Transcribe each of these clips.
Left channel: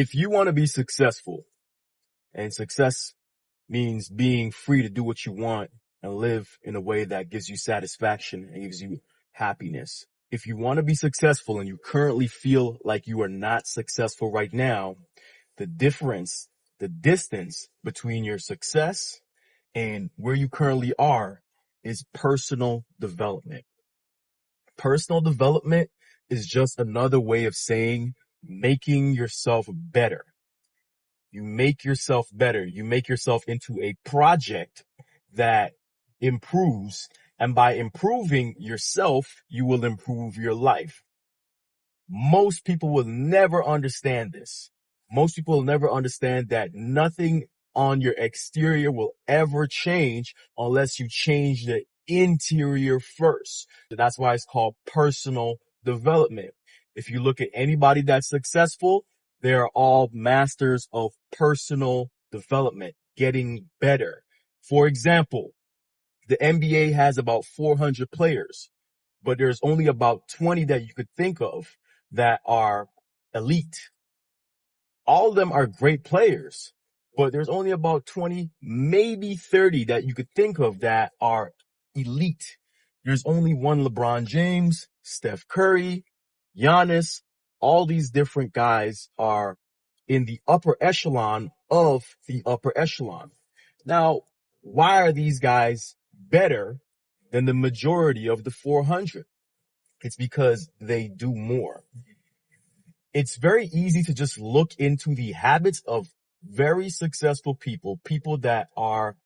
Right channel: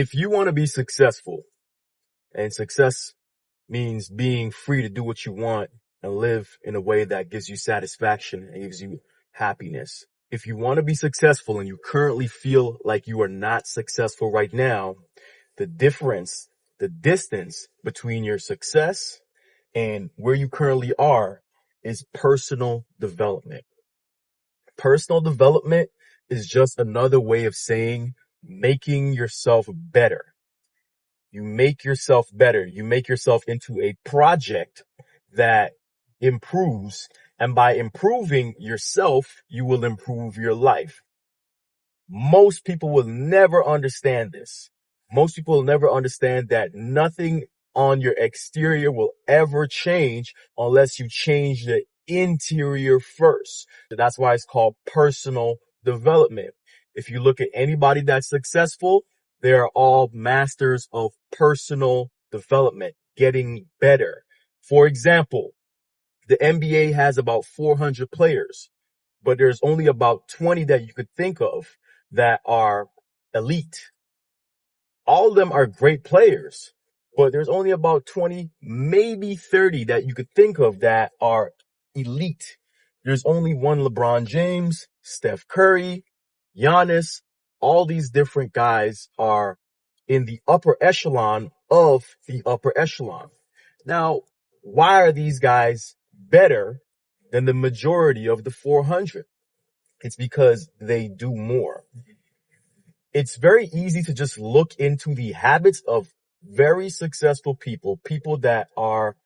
If you want to be successful, and success means being free to do what you want and live in a way that gives you satisfaction and gives you happiness. If you want to be successful and you currently feel like you are not successful right now, the distance between your success and where you currently are is personal development. Personal development is just another way of saying making yourself better. You make yourself better. You make yourself into a project that improves. And by improving yourself, you will improve your life. Most people will never understand this. Most people will never understand that nothing on your exterior will ever change unless you change the interior first. That's why it's called personal development. If you look at anybody that's successful, they are all masters of personal development, getting better. For example, the NBA has about 400 players, but there's only about 20 that you could think of that are elite. All of them are great players, but there's only about 20, maybe 30 that you could think of that are elite. There's only one LeBron James, Steph Curry, Giannis. All these different guys are in the upper echelon of the upper echelon. Now, why are these guys better than the majority of the 400? It's because they do more. It's very easy to just look into the habits of very successful people, people that are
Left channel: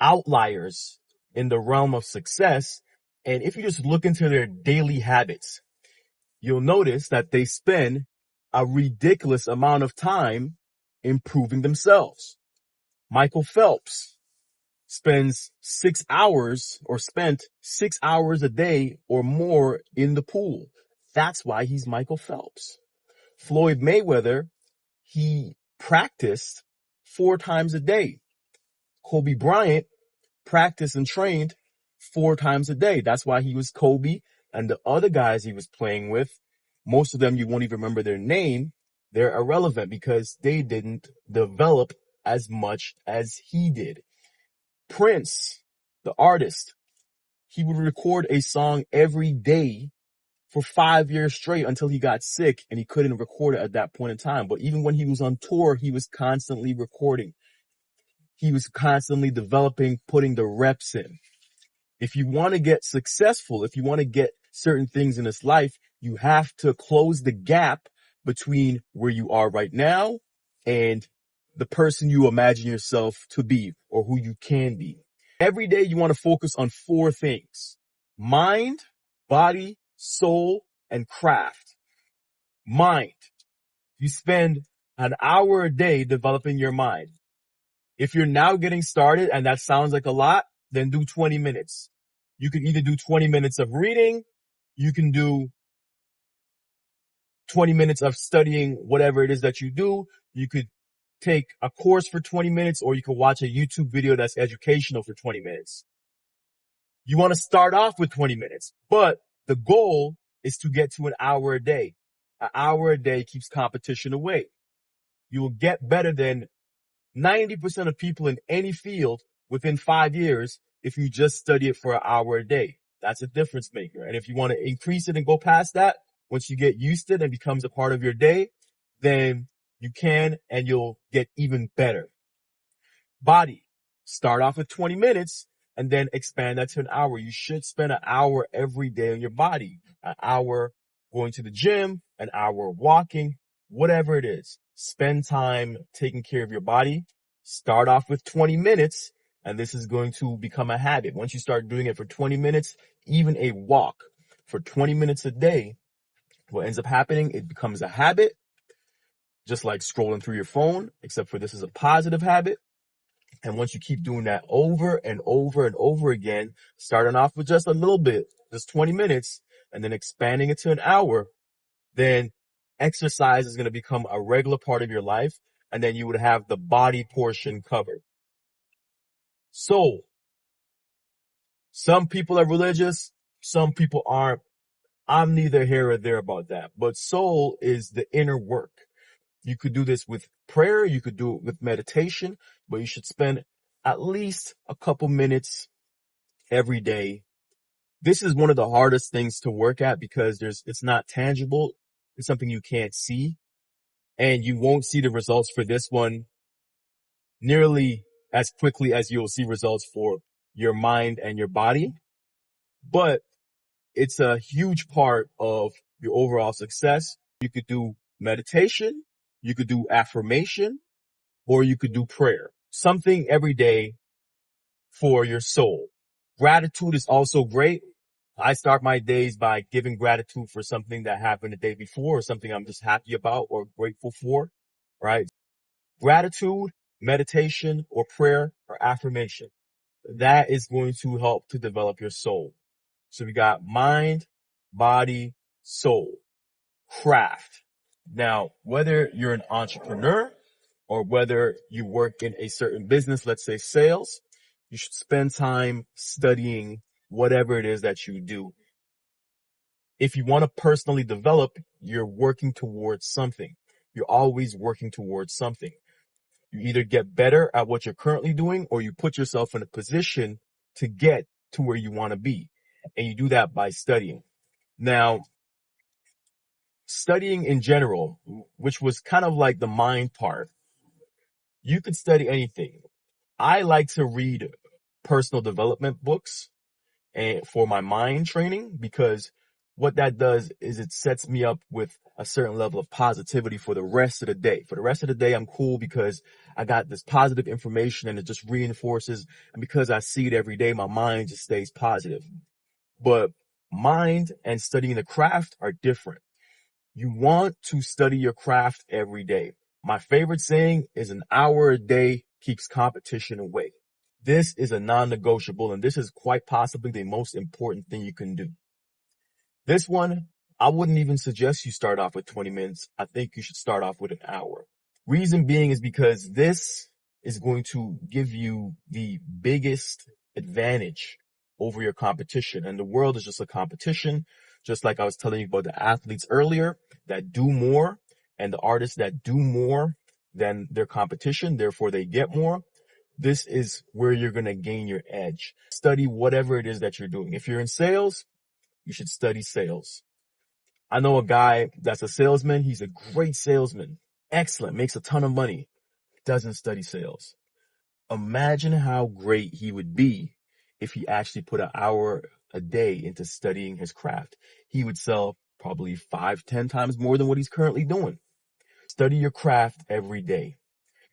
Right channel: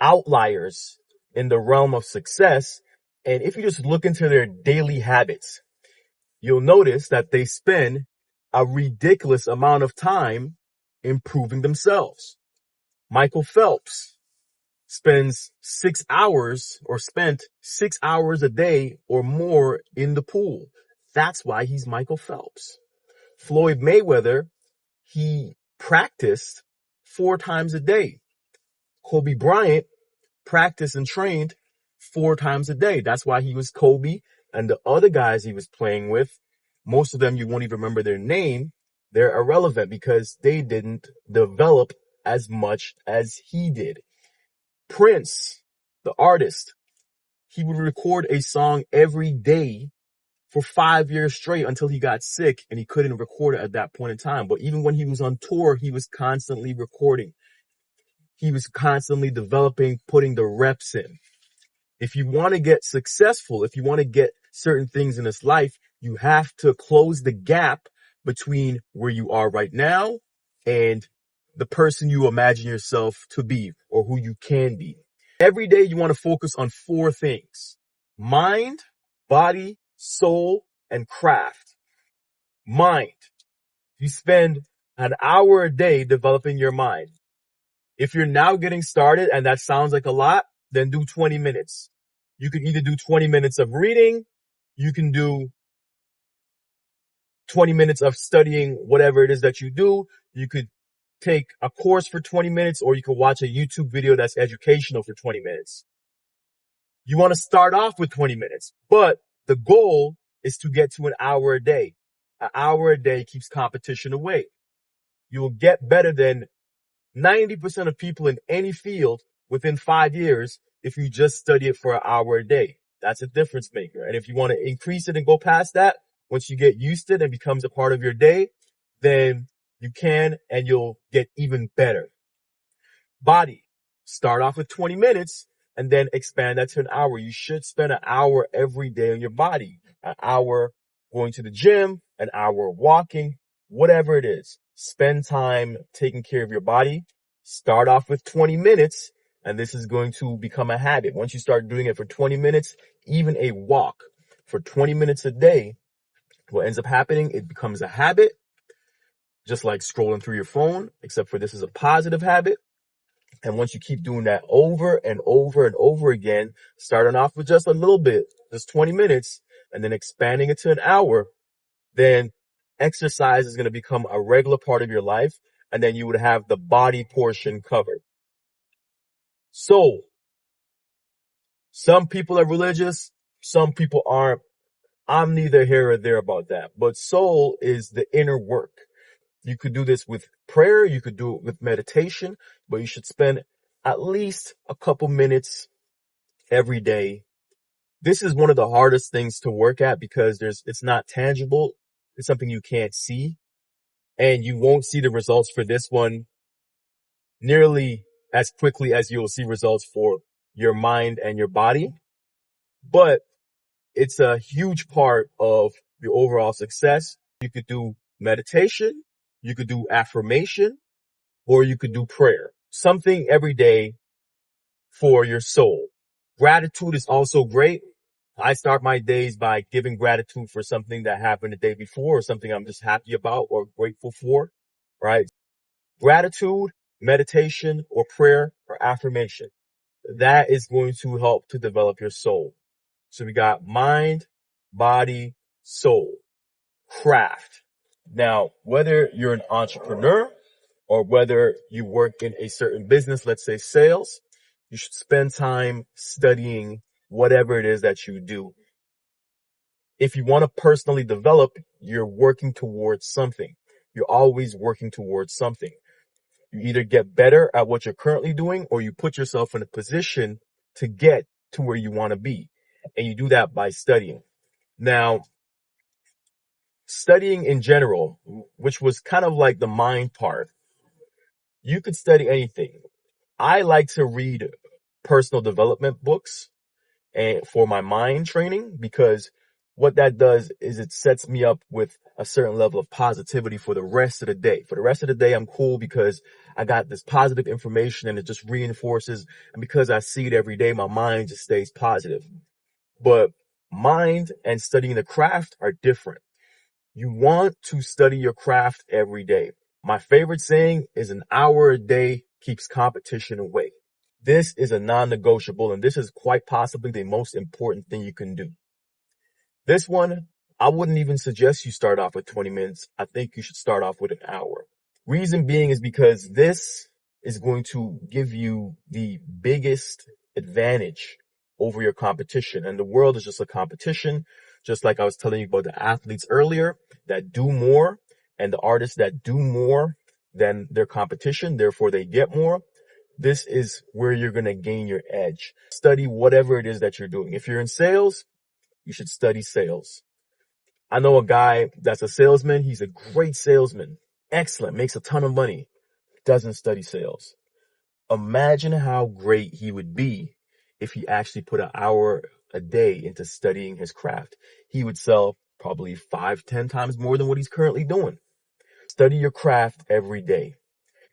outliers in the realm of success. And if you just look into their daily habits, you'll notice that they spend a ridiculous amount of time improving themselves. Michael Phelps spent 6 hours a day or more in the pool. That's why he's Michael Phelps. Floyd Mayweather, he practiced 4 times a day. Kobe Bryant practiced and trained 4 times a day. That's why he was Kobe. And the other guys he was playing with, most of them you won't even remember their name. They're irrelevant because they didn't develop as much as he did. Prince, the artist, he would record a song every day for 5 years straight until he got sick and he couldn't record it at that point in time. But even when he was on tour, he was constantly recording. He was constantly developing, putting the reps in. If you want to get successful, if you want to get certain things in this life, you have to close the gap between where you are right now and the person you imagine yourself to be or who you can be. Every day you want to focus on 4 things: mind, body, soul, and craft. Mind. You spend an hour a day developing your mind. If you're now getting started and that sounds like a lot, then do 20 minutes. You can either do 20 minutes of reading, you can do 20 minutes of studying whatever it is that you do. You could take a course for 20 minutes, or you could watch a YouTube video that's educational for 20 minutes. You want to start off with 20 minutes, but the goal is to get to an hour a day. An hour a day keeps competition away. You will get better than 90% of people in any field within 5 years if you just study it for an hour a day. That's a difference maker. And if you want to increase it and go past that, once you get used to it and becomes a part of your day, then you can and you'll get even better. Body. Start off with 20 minutes and then expand that to an hour. You should spend an hour every day on your body. An hour going to the gym, an hour walking, whatever it is. Spend time taking care of your body. Start off with 20 minutes, and this is going to become a habit. Once you start doing it for 20 minutes, even a walk for 20 minutes a day, what ends up happening, it becomes a habit, just like scrolling through your phone, except for this is a positive habit. And once you keep doing that over and over and over again, starting off with just a little bit, just 20 minutes, and then expanding it to an hour, then exercise is going to become a regular part of your life, and then you would have the body portion covered. Soul. Some people are religious, some people aren't. I'm neither here or there about that. But soul is the inner work. You could do this with prayer, you could do it with meditation, but you should spend at least a couple minutes every day. This is one of the hardest things to work at because it's not tangible. It's something you can't see, and you won't see the results for this one nearly as quickly as you will see results for your mind and your body. But it's a huge part of your overall success. You could do meditation, you could do affirmation, or you could do prayer. Something every day for your soul. Gratitude is also great. I start my days by giving gratitude for something that happened the day before or something I'm just happy about or grateful for, right? Gratitude, meditation, or prayer or affirmation. That is going to help to develop your soul. So we got mind, body, soul, craft. Now, whether you're an entrepreneur or whether you work in a certain business, let's say sales, you should spend time studying whatever it is that you do. If you want to personally develop, you're working towards something. You're always working towards something. You either get better at what you're currently doing or you put yourself in a position to get to where you want to be. And you do that by studying. Now, studying in general, which was kind of like the mind part, you could study anything. I like to read personal development books and for my mind training, because what that does is it sets me up with a certain level of positivity for the rest of the day. For the rest of the day, I'm cool because I got this positive information and it just reinforces. And because I see it every day, my mind just stays positive. But mind and studying the craft are different. You want to study your craft every day. My favorite saying is an hour a day keeps competition away. This is a non-negotiable, and this is quite possibly the most important thing you can do. This one, I wouldn't even suggest you start off with 20 minutes. I think you should start off with an hour. Reason being is because this is going to give you the biggest advantage over your competition. And the world is just a competition, just like I was telling you about the athletes earlier that do more and the artists that do more than their competition, therefore they get more. This is where you're going to gain your edge. Study whatever it is that you're doing. If you're in sales, you should study sales. I know a guy that's a salesman. He's a great salesman. Excellent. Makes a ton of money. Doesn't study sales. Imagine how great he would be if he actually put an hour a day into studying his craft. He would sell probably 5-10 times more than what he's currently doing. Study your craft every day.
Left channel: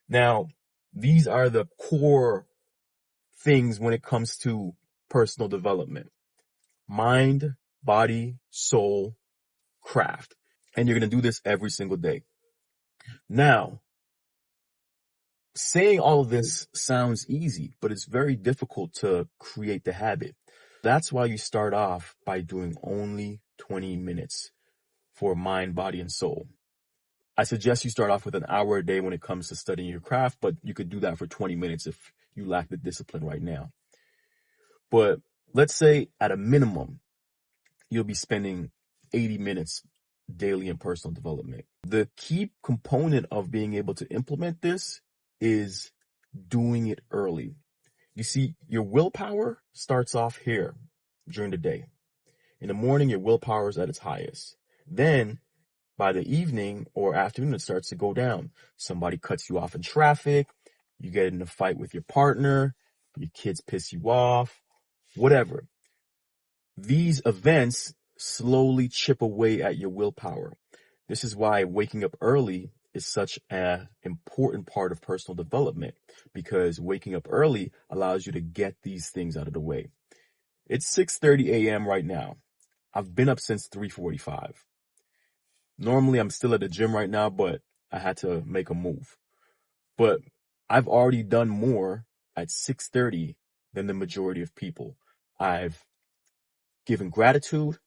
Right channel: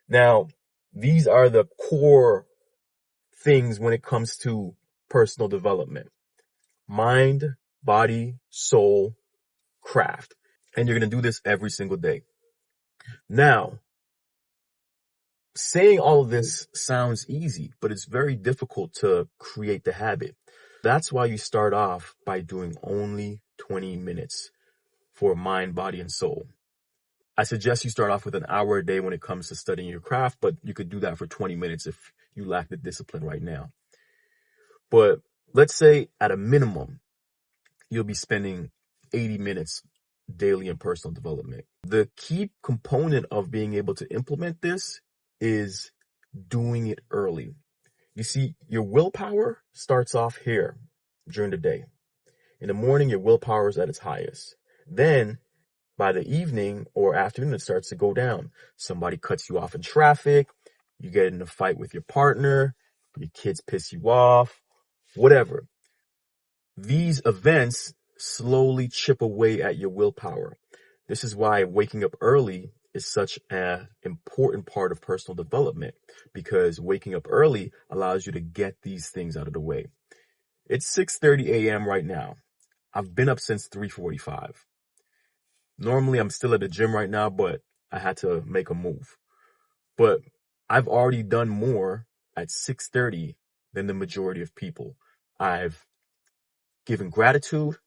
Now, these are the core things when it comes to personal development. Mind, body, soul, craft. And you're going to do this every single day. Now, saying all of this sounds easy, but it's very difficult to create the habit. That's why you start off by doing only 20 minutes for mind, body, and soul. I suggest you start off with an hour a day when it comes to studying your craft, but you could do that for 20 minutes if you lack the discipline right now. But let's say at a minimum, you'll be spending 80 minutes daily in personal development. The key component of being able to implement this is doing it early. You see, your willpower starts off here during the day. In the morning, your willpower is at its highest. Then, by the evening or afternoon, it starts to go down. Somebody cuts you off in traffic, you get in a fight with your partner, your kids piss you off, whatever. These events slowly chip away at your willpower. This is why waking up early is such an important part of personal development, because waking up early allows you to get these things out of the way. It's 6:30 a.m. right now. I've been up since 3:45. Normally, I'm still at the gym right now, but I had to make a move. But I've already done more at 6:30 than the majority of people. I've given gratitude.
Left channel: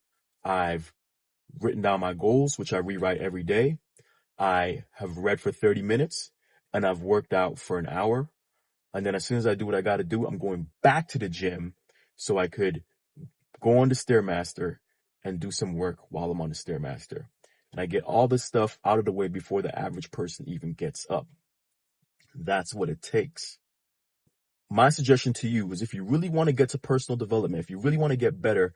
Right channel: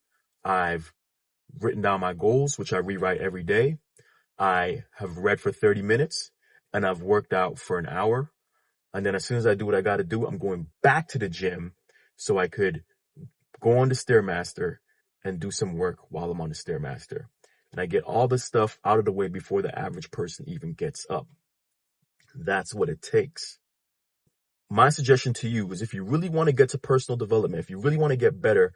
I've written down my goals, which I rewrite every day. I have read for 30 minutes and I've worked out for an hour. And then as soon as I do what I got to do, I'm going back to the gym so I could go on the Stairmaster and do some work while I'm on the Stairmaster. and I get all this stuff out of the way before the average person even gets up. That's what it takes. My suggestion to you is, if you really want to get to personal development, if you really want to get better,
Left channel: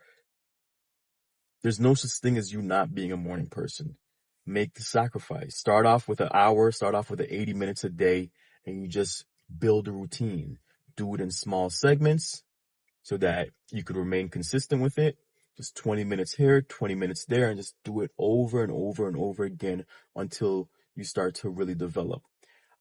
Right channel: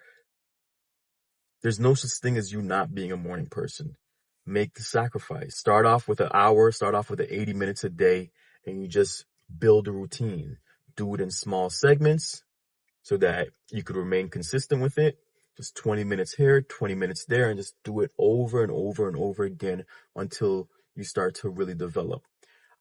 there's no such thing as you not being a morning person. Make the sacrifice. Start off with an hour, start off with 80 minutes a day, and you just build a routine. Do it in small segments so that you can remain consistent with it. Just 20 minutes here, 20 minutes there, and just do it over and over and over again until you start to really develop.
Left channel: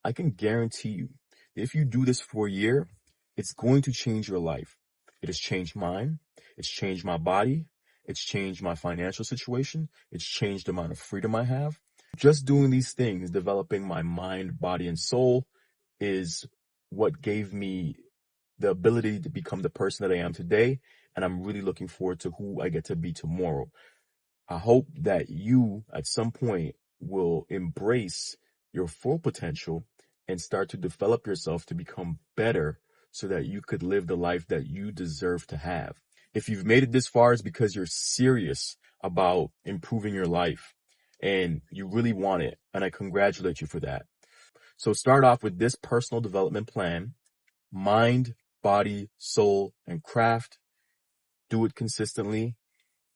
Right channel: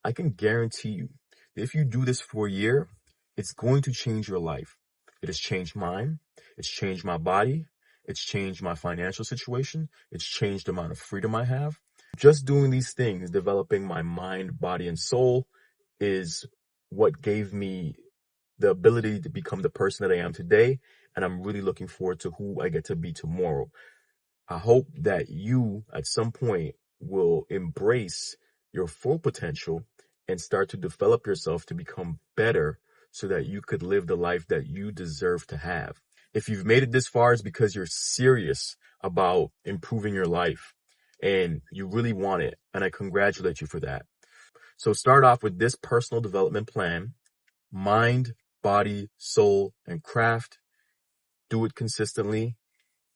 I can guarantee you that if you do this for a year, it's going to change your life. It has changed mine. It's changed my body. It's changed my financial situation. It's changed the amount of freedom I have. Just doing these things, developing my mind, body, and soul, is what gave me the ability to become the person that I am today. And I'm really looking forward to who I get to be tomorrow. I hope that you, at some point, will embrace your full potential and start to develop yourself to become better so that you could live the life that you deserve to have. If you've made it this far, it's because you're serious about improving your life and you really want it. And I congratulate you for that. So start off with this personal development plan: mind, body, soul, and craft. Do it consistently.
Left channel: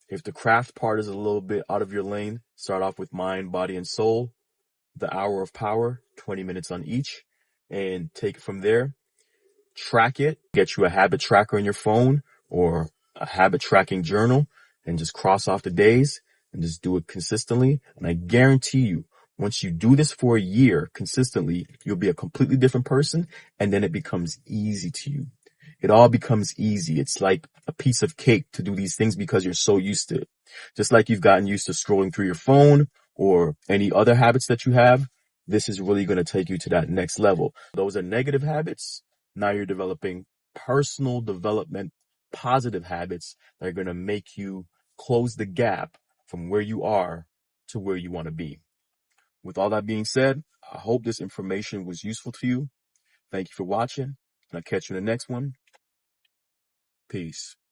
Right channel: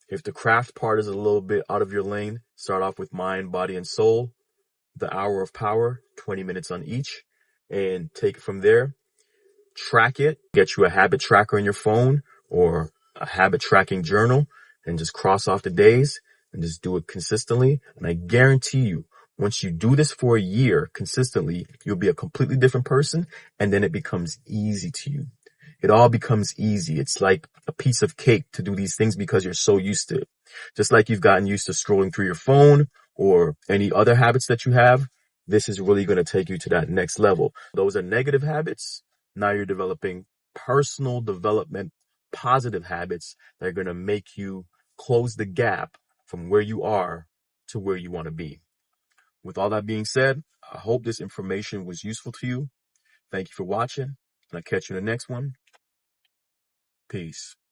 If the craft part is a little bit out of your lane, start off with mind, body, and soul. The hour of power, 20 minutes on each, and take it from there. Track it. Get you a habit tracker on your phone or a habit tracking journal, and just cross off the days and just do it consistently. And I guarantee you, once you do this for a year consistently, you'll be a completely different person, and then it becomes easy to you. It all becomes easy. It's like a piece of cake to do these things because you're so used to it. Just like you've gotten used to scrolling through your phone or any other habits that you have, this is really going to take you to that next level. Those are negative habits. Now you're developing personal development, positive habits that are going to make you close the gap from where you are to where you want to be. With all that being said, I hope this information was useful to you. Thank you for watching, and I'll catch you in the next one. Peace.